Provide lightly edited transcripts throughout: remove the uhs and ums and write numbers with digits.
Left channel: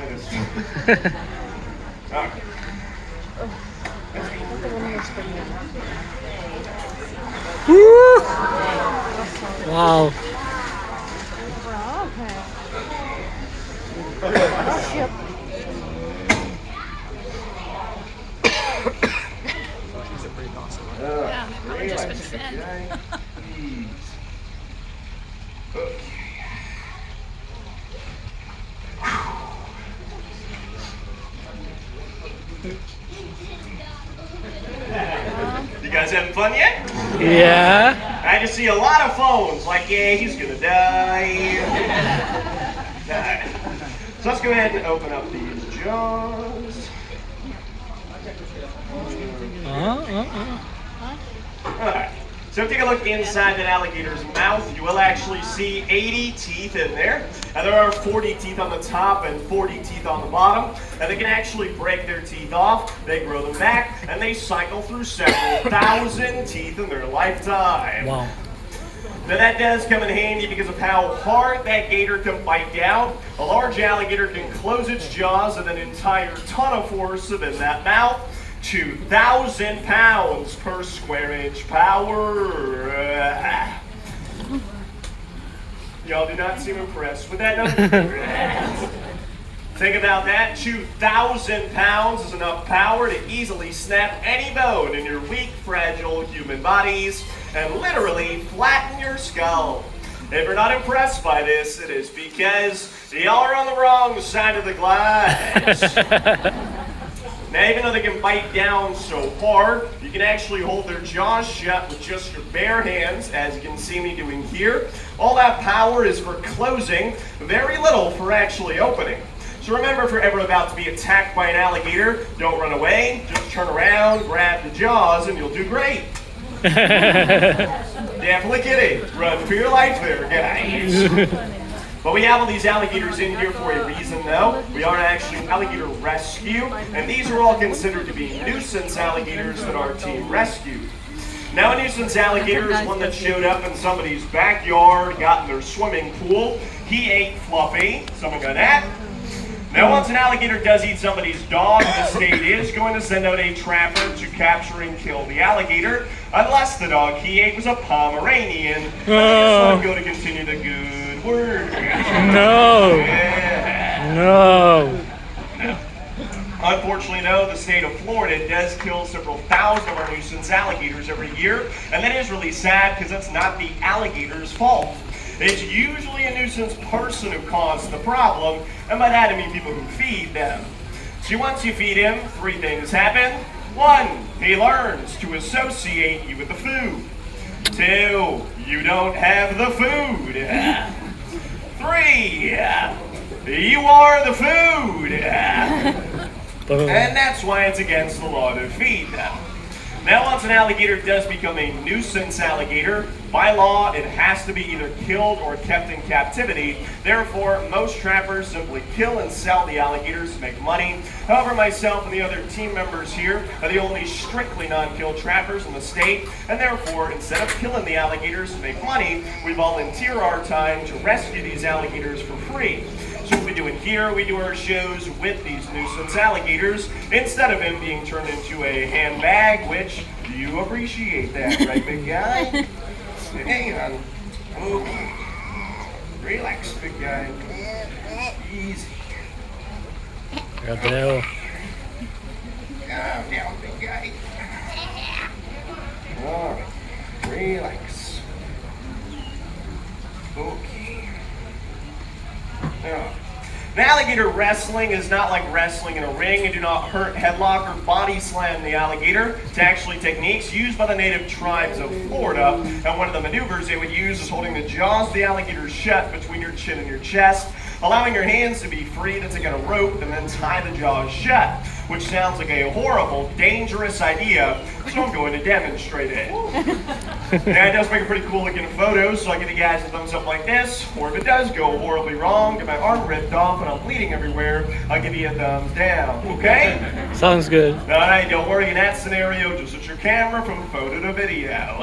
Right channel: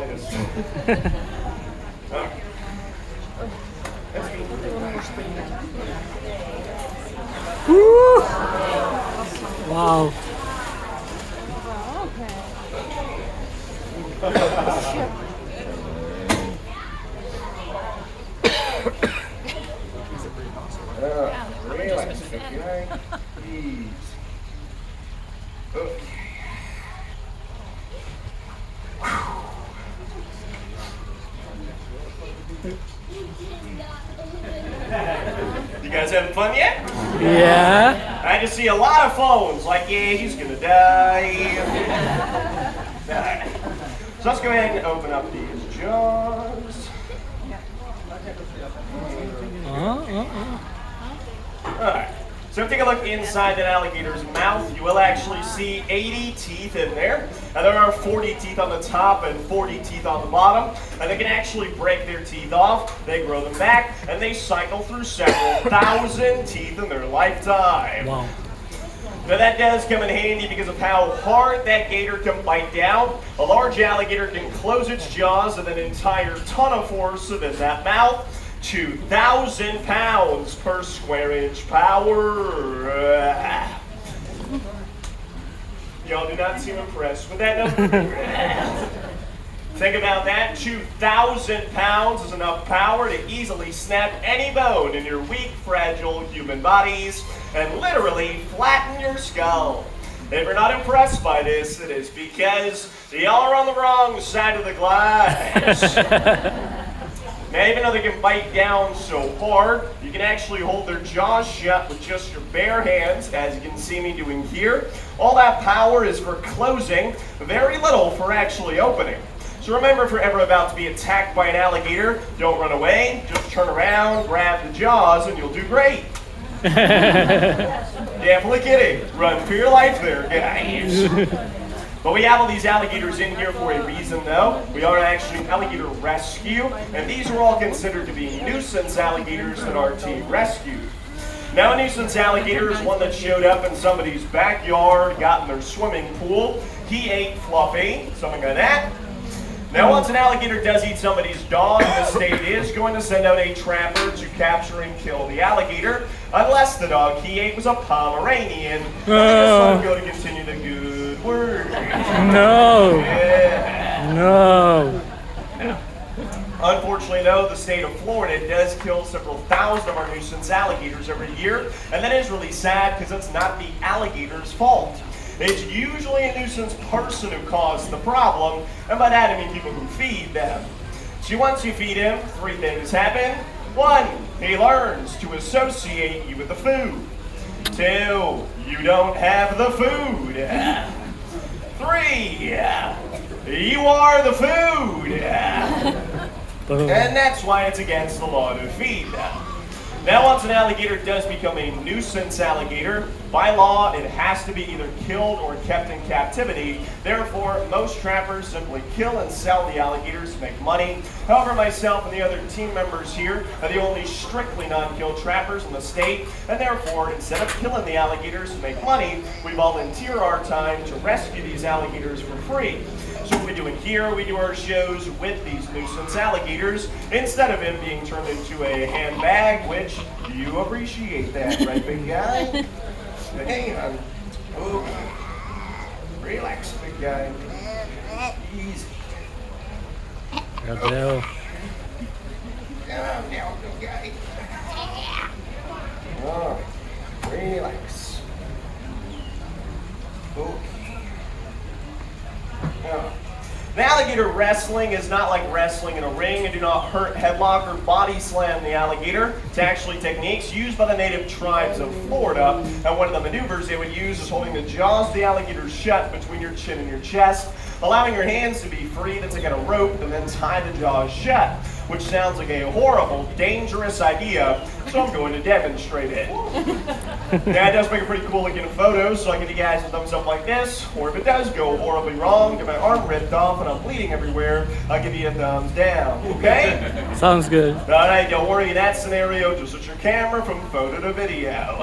slightest. All right. Woo! Wow. Relax, big guy. Ease. Okay. You guys having fun yet? Yeah. I just see a lot of phones, like, yeah, he's gonna die. So let's go ahead and open up these jaws. Alright, so take a look inside an alligator's mouth. You will actually see 80 teeth in there. And there are 40 teeth on the top and 40 teeth on the bottom. And they can actually break their teeth off, they grow them back, and they cycle through several thousand teeth in their lifetime. Wow. Now that does come in handy because of how hard that gator can bite down. A large alligator can close its jaws with an entire ton of force within that mouth. 2,000 pounds per square inch power. Y'all do not seem impressed with that number. Think about that. 2,000 pounds is enough power to easily snap any bone in your weak, fragile human bodies and literally flatten your skull. If you're not impressed by this, it is because y'all are on the wrong side of the glass. Now, even though they can bite down so hard, you can actually hold their jaws shut with just your bare hands, as you can see me doing here. All that power is for closing, very little for actually opening. So remember, if you're ever about to be attacked by an alligator, don't run away, just turn around, grab the jaws, and you'll do great. Definitely kidding. Run for your life there, guys. But we have all these alligators in here for a reason, though. We are actually alligator rescue, and these are all considered to be nuisance alligators that our team rescued. Now, a nuisance alligator is one that showed up in somebody's backyard, got in their swimming pool. He ate Fluffy. Someone got that? Now, once an alligator does eat somebody's dog, the state is going to send out a trapper to capture and kill the alligator, unless the dog he ate was a Pomeranian. I'm going to continue the good work. No. Yeah. No. Unfortunately, though, the state of Florida does kill several thousand of our nuisance alligators every year, and that is really sad because it's not the alligator's fault. It's usually a nuisance person who caused the problem, and by that I mean people who feed them. See, once you feed him, three things happen. 1, he learns to associate you with the food. 2, you don't have the food. 3, you are the food. And that's why it's against the law to feed them. Now, once an alligator does become a nuisance alligator, by law, it has to be either killed or kept in captivity. Therefore, most trappers simply kill and sell the alligators to make money. However, myself and the other team members here are the only strictly non-kill trappers in the state, and therefore, instead of killing the alligators to make money, we volunteer our time to rescue these alligators for free. So what we do in here, we do our shows with these nuisance alligators instead of him being turned into a handbag, which you appreciate that, right, big guy? Hang on. Oh, relax, big guy. Easy. Calm down, big guy. All right, relax. Okay. Now, alligator wrestling is not like wrestling in a ring. You do not hurt, headlock, or body slam the alligator. It's actually techniques used by the native tribes of Florida. And one of the maneuvers they would use is holding the jaws of the alligator shut between your chin and your chest, allowing your hands to be free to take out a rope and then tie the jaws shut, which sounds like a horrible, dangerous idea, so I'm going to demonstrate it. Now, it does make a pretty cool looking photo, so I'll give you guys a thumbs up like this, or if it does go horribly wrong, get my arm ripped off and I'm bleeding everywhere, I'll give you a thumbs down, okay? Sounds good. All right, don't worry, in that scenario, just switch your camera from photo to video.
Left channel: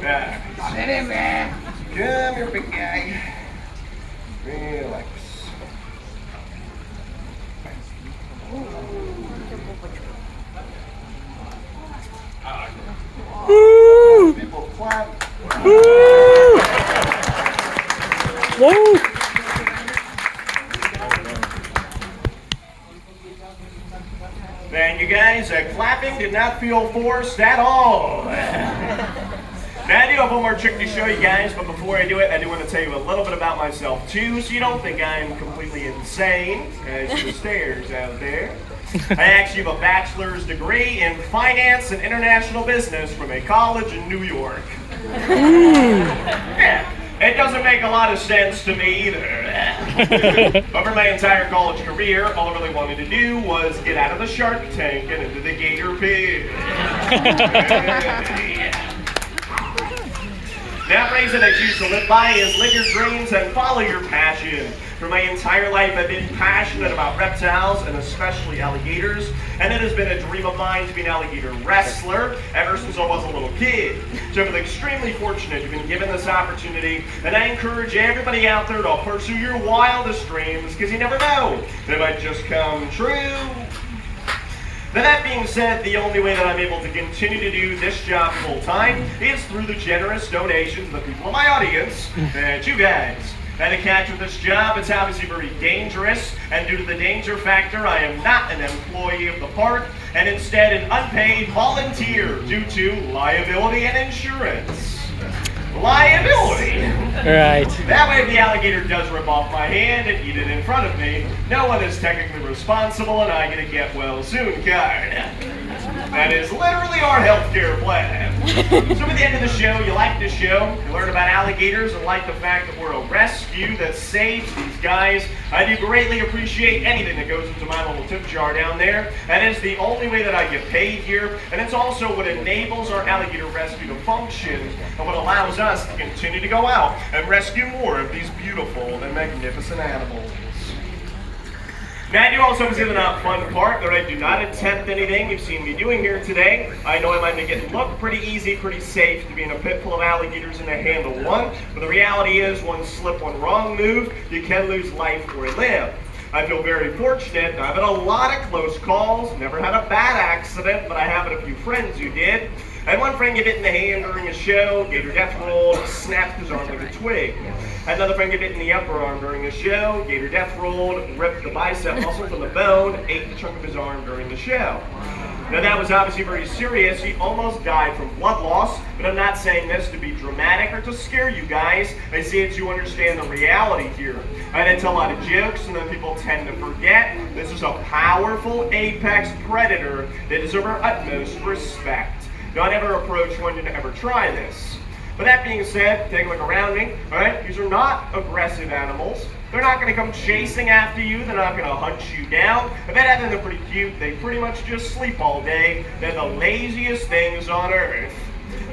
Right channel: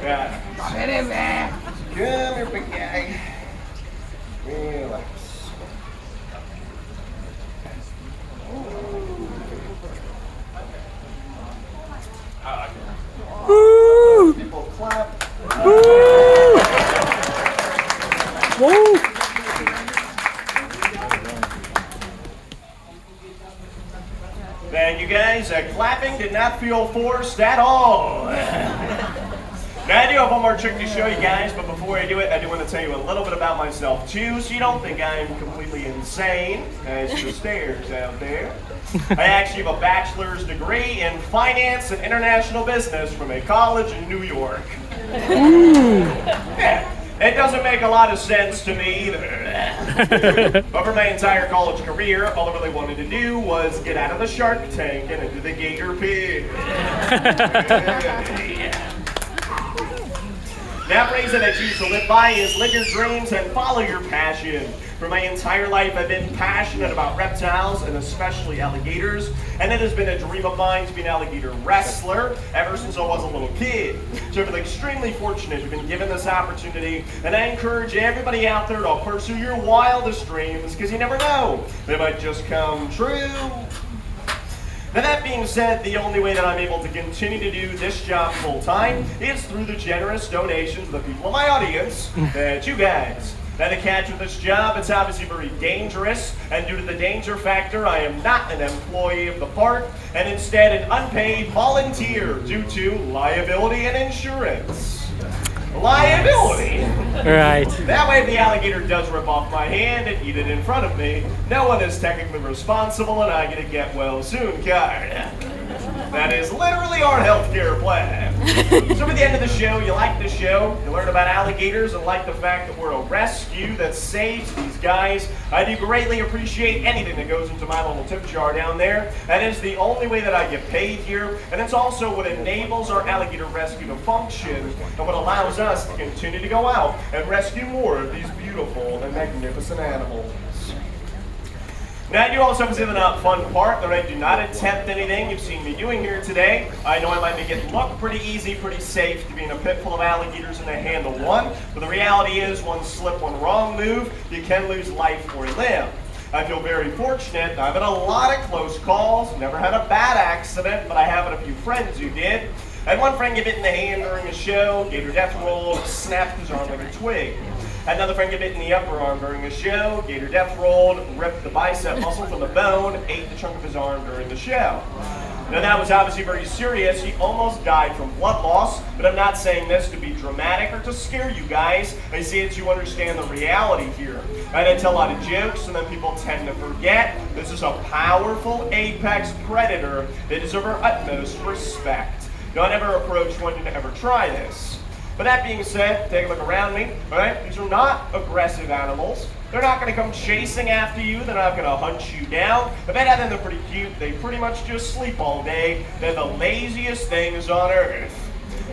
Come here, big guy. Relax. Thank you guys. Clapping did not feel forced at all. Now, I do have one more trick to show you guys, but before I do it, I do want to tell you a little bit about myself too, so you don't think I'm completely insane as the stairs out there. I actually have a bachelor's degree in finance and international business from a college in New York. Yeah, it doesn't make a lot of sense to me either. Over my entire college career, all I really wanted to do was get out of the shark tank and into the gator pit. Yeah. That phrase that I choose to live by is live your dreams and follow your passion. For my entire life, I've been passionate about reptiles and especially alligators, and it has been a dream of mine to be an alligator wrestler ever since I was a little kid. So I've been extremely fortunate to have been given this opportunity, and I encourage everybody out there to pursue your wildest dreams, because you never know, they might just come true. Now that being said, the only way that I'm able to continue to do this job full time is through the generous donations of the people in my audience, that you guys. Now the catch with this job, it's obviously very dangerous, and due to the danger factor, I am not an employee of the park, and instead an unpaid volunteer due to liability and insurance. Liability. Right. That way if the alligator does rip off my hand and eat it in front of me, no one is technically responsible and I get a get well soon card. That is literally our healthcare plan. So at the end of the show, you like the show, you learn about alligators and like the fact that we're a rescue that saves these guys. I do greatly appreciate anything that goes into my little tip jar down there. That is the only way that I get paid here, and it's also what enables our alligator rescue to function and what allows us to continue to go out and rescue more of these beautiful and magnificent animals. Now, I do also have the not fun part that I do not attempt anything you've seen me doing here today. I know I might make it look pretty easy, pretty safe to be in a pit full of alligators and to handle one, but the reality is one slip, one wrong move, you can lose life or limb. I feel very fortunate. I've had a lot of close calls, never had a bad accident, but I have had a few friends who did. I had one friend get hit in the hand during a show, Gator death rolled, snapped his arm like a twig. Had another friend get hit in the upper arm during a show, Gator death rolled, ripped the bicep muscle from the bone, ate the chunk of his arm during the show. Now that was obviously very serious. He almost died from blood loss, but I'm not saying this to be dramatic or to scare you guys. I say it to understand the reality here. I didn't tell a lot of jokes, and then people tend to forget. This is a powerful apex predator that deserves our utmost respect. Don't ever approach one to ever try this. But that being said, take a look around me, all right? These are not aggressive animals. They're not gonna come chasing after you. They're not gonna hunt you down. I bet other than they're pretty cute, they pretty much just sleep all day. They're the laziest things on earth.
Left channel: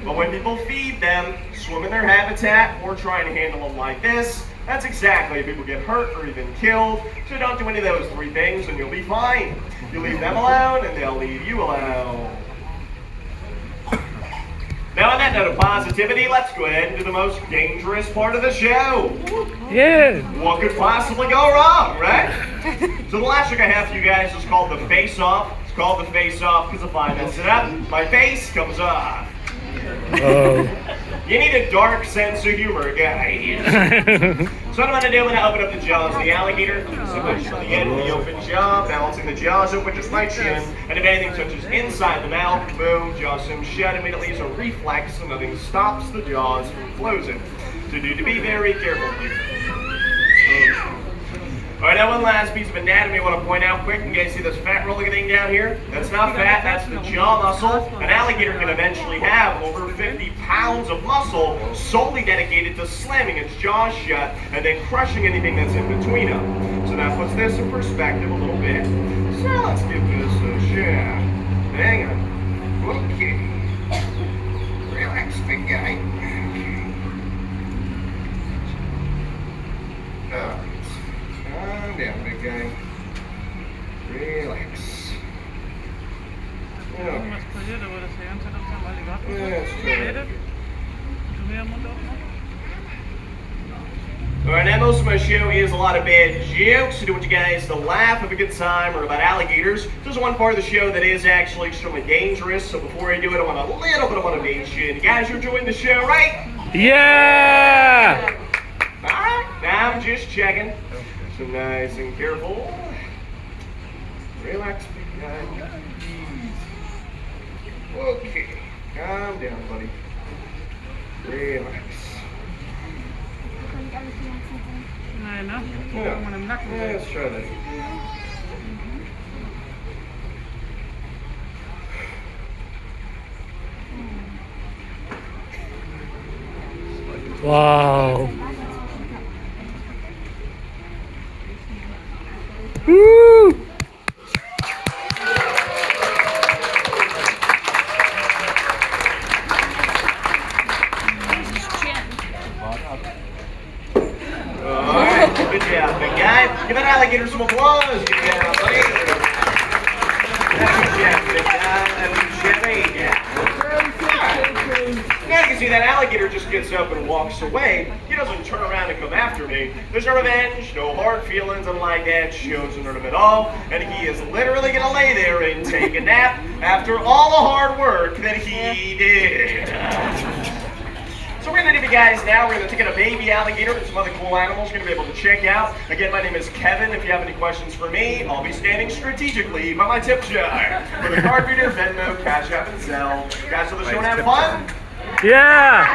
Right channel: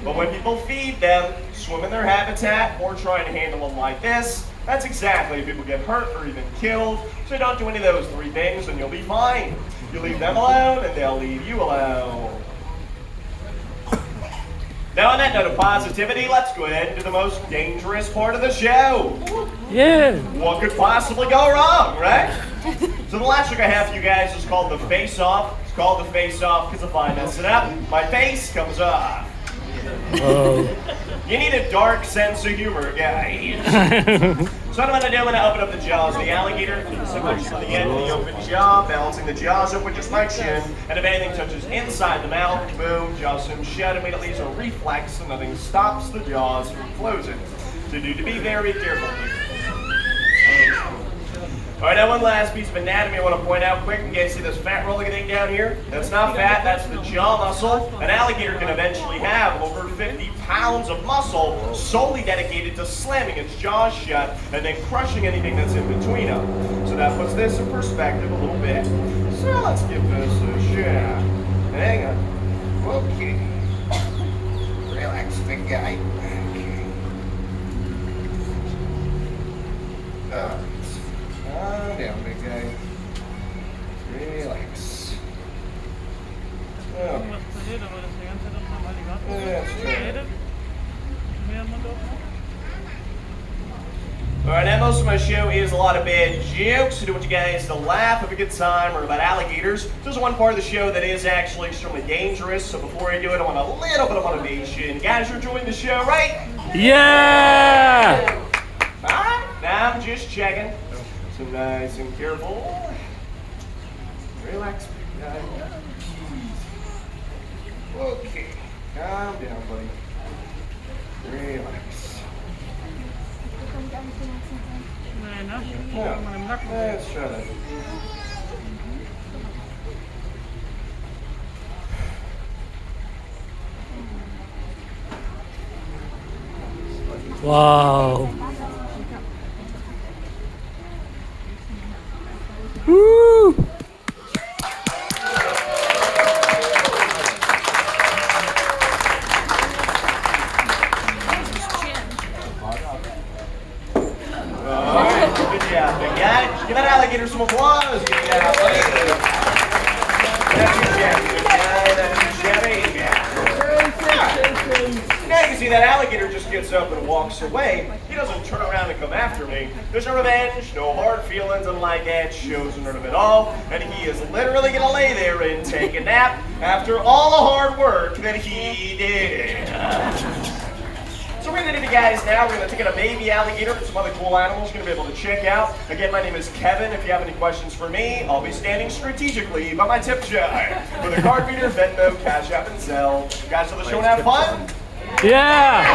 But when people feed them, swim in their habitat, or try and handle them like this, that's exactly if people get hurt or even killed. So don't do any of those three things and you'll be fine. You leave them alone and they'll leave you alone. Now on that note of positivity, let's go ahead and do the most dangerous part of the show. Yeah. What could possibly go wrong, right? So the last trick I have for you guys is called the face-off. It's called the face-off because if I mess it up, my face comes off. Oh. You need a dark sense of humor, guys. So what I'm going to do, I'm going to open up the jaws of the alligator. So much from the end of the open jaw, balancing the jaws open just my chin. And if anything touches inside the mouth, boom, jaws swim shut. Immediately it's a reflex, and nothing stops the jaws from closing. So do to be very careful here. All right, now one last piece of anatomy I want to point out quick. You guys see this fat rolling thing down here? That's not fat, that's the jaw muscle. An alligator can eventually have over 50 pounds of muscle solely dedicated to slamming its jaws shut and then crushing anything that's in between them. So that puts this in perspective a little bit. So let's give this a shot. Hang on. Okay. Relax, big guy. Okay. Calm down, big guy. Relax. Okay. Alright, now most of my show is a lot of bad jokes. I do want you guys to laugh, have a good time, or about alligators. There's one part of the show that is actually extremely dangerous, so before I do it, I want a little bit of motivation. You guys are enjoying the show, right? Yeah! Alright, now I'm just checking. So nice and careful. Relax, big guy. Easy. Okay. Calm down, buddy. Relax. Yeah. Let's try that. Wow. Woo! Alright, good job, big guy. Give that alligator some applause. Good job, buddy. That's your Chevy, big guy. That's your Chevy. Yeah. Now you can see that alligator just gets up and walks away. He doesn't turn around and come after me. There's no revenge, no hard feelings, and like Ed shows none of it all. And he is literally gonna lay there and take a nap after all the hard work that he did. So we're gonna do, guys, now we're gonna take in a baby alligator and some other cool animals you're gonna be able to check out. Again, my name is Kevin. If you have any questions for me, I'll be standing strategically by my tip jar for the card reader, Venmo, Cash App, and Zelle. Guys, so the show and have fun. Yeah!